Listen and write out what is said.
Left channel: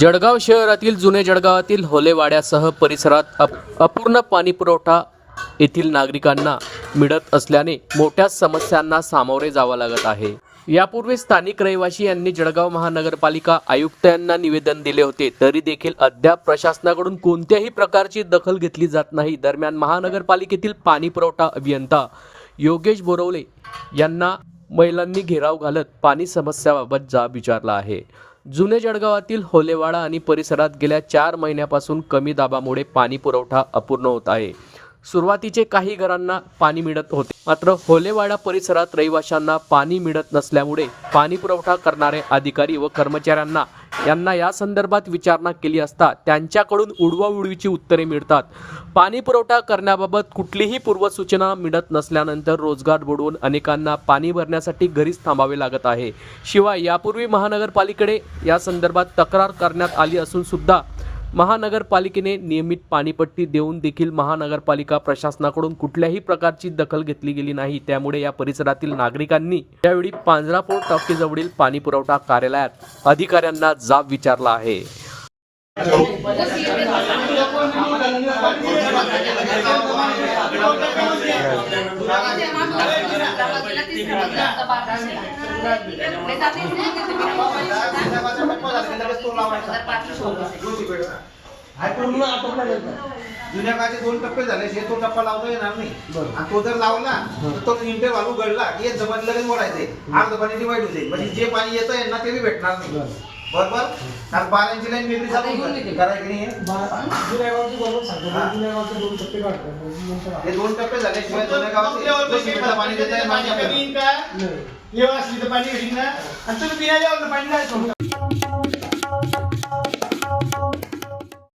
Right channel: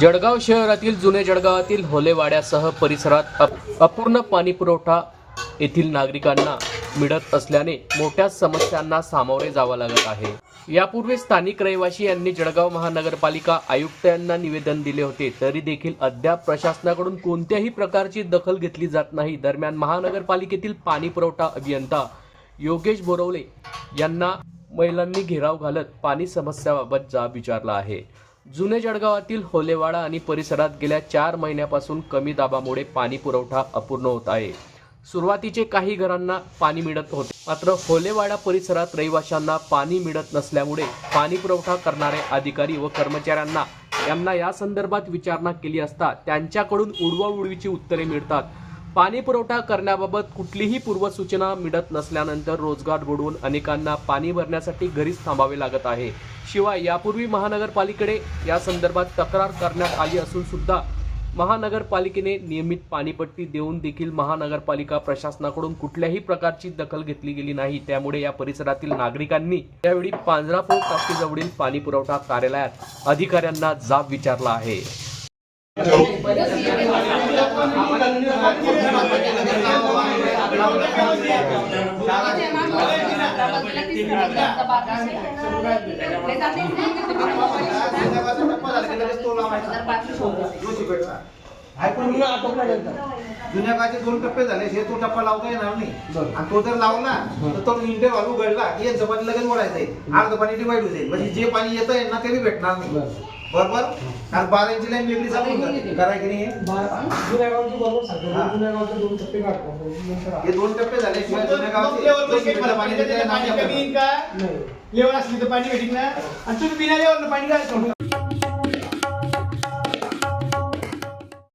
जळगाव शहरातील जुने जळगावातील होलेवाड्यासह परिसरात अप- अपूर्ण पाणीपुरवठा येथील नागरिकांना मिळत असल्याने मोठ्या समस्यांना सामोरे जावं लागत आहे. यापूर्वी स्थानिक रहिवासी यांनी जळगाव महानगरपालिका आयुक्तांना निवेदन दिले होते. तरी देखील अद्याप प्रशासनाकडून कोणत्याही प्रकारची दखल घेतली जात नाही. दरम्यान महानगरपालिकेतील पाणी पुरवठा अभियंता योगेश बोरवले यांना महिलांनी घेराव घालत पाणी समस्याबाबत जाब विचारला आहे. जुने जळगावातील होलेवाडा आणि परिसरात गेल्या चार महिन्यापासून कमी दाबामुळे पाणी पुरवठा अपूर्ण होत आहे. सुरुवातीचे काही घरांना पाणी मिळत होते. मात्र होलेवाडा परिसरात रहिवाशांना पाणी मिळत नसल्यामुळे पाणी पुरवठा करणारे अधिकारी व कर्मचाऱ्यांना यांना या संदर्भात विचारणा केली असता त्यांच्याकडून उडवाउडवीची उत्तरे मिळतात. पाणी पुरवठा करण्याबाबत कुठलीही पूर्वसूचना मिळत नसल्यानंतर रोजगार बुडवून अनेकांना पाणी भरण्यासाठी घरीच थांबावे लागत आहे. शिवाय यापूर्वी महानगरपालिकेकडे या संदर्भात तक्रार करण्यात आली असून सुद्धा महानगरपालिकेने नियमित पाणीपट्टी देऊन देखील महानगरपालिका प्रशासनाकडून कुठल्याही प्रकारची दखल घेतली गेली नाही. त्यामुळे या परिसरातील नागरिकांनी यावेळी पांजरापूर टाकीजवळील पाणी पुरवठा कार्यालयात अधिकाऱ्यांना जाब विचारला आहे. जुन्या काळचे दोन टप्पे झाले हे तो टप्पा लावता येणार नाही आणि तो जर लावला तर तो इंटर उघडला की जबानी लगेच मोडायचंय अर्ध पाणी डिवाइड होते म्हणजे जे पाणी येतं यांना ते बी भेटणार नाही बरोबर कारण बारांची लाईन वेगळी चालू करायची नाही. हे. दोन टप्पे झाले शिवाय जुन्या गावाचे जो सिमेंटचं पाणी देतं, हे. लेवल असली तर पाणी भेटीन ना? आणि तुम्ही बिना लेवल पाणी जायचं.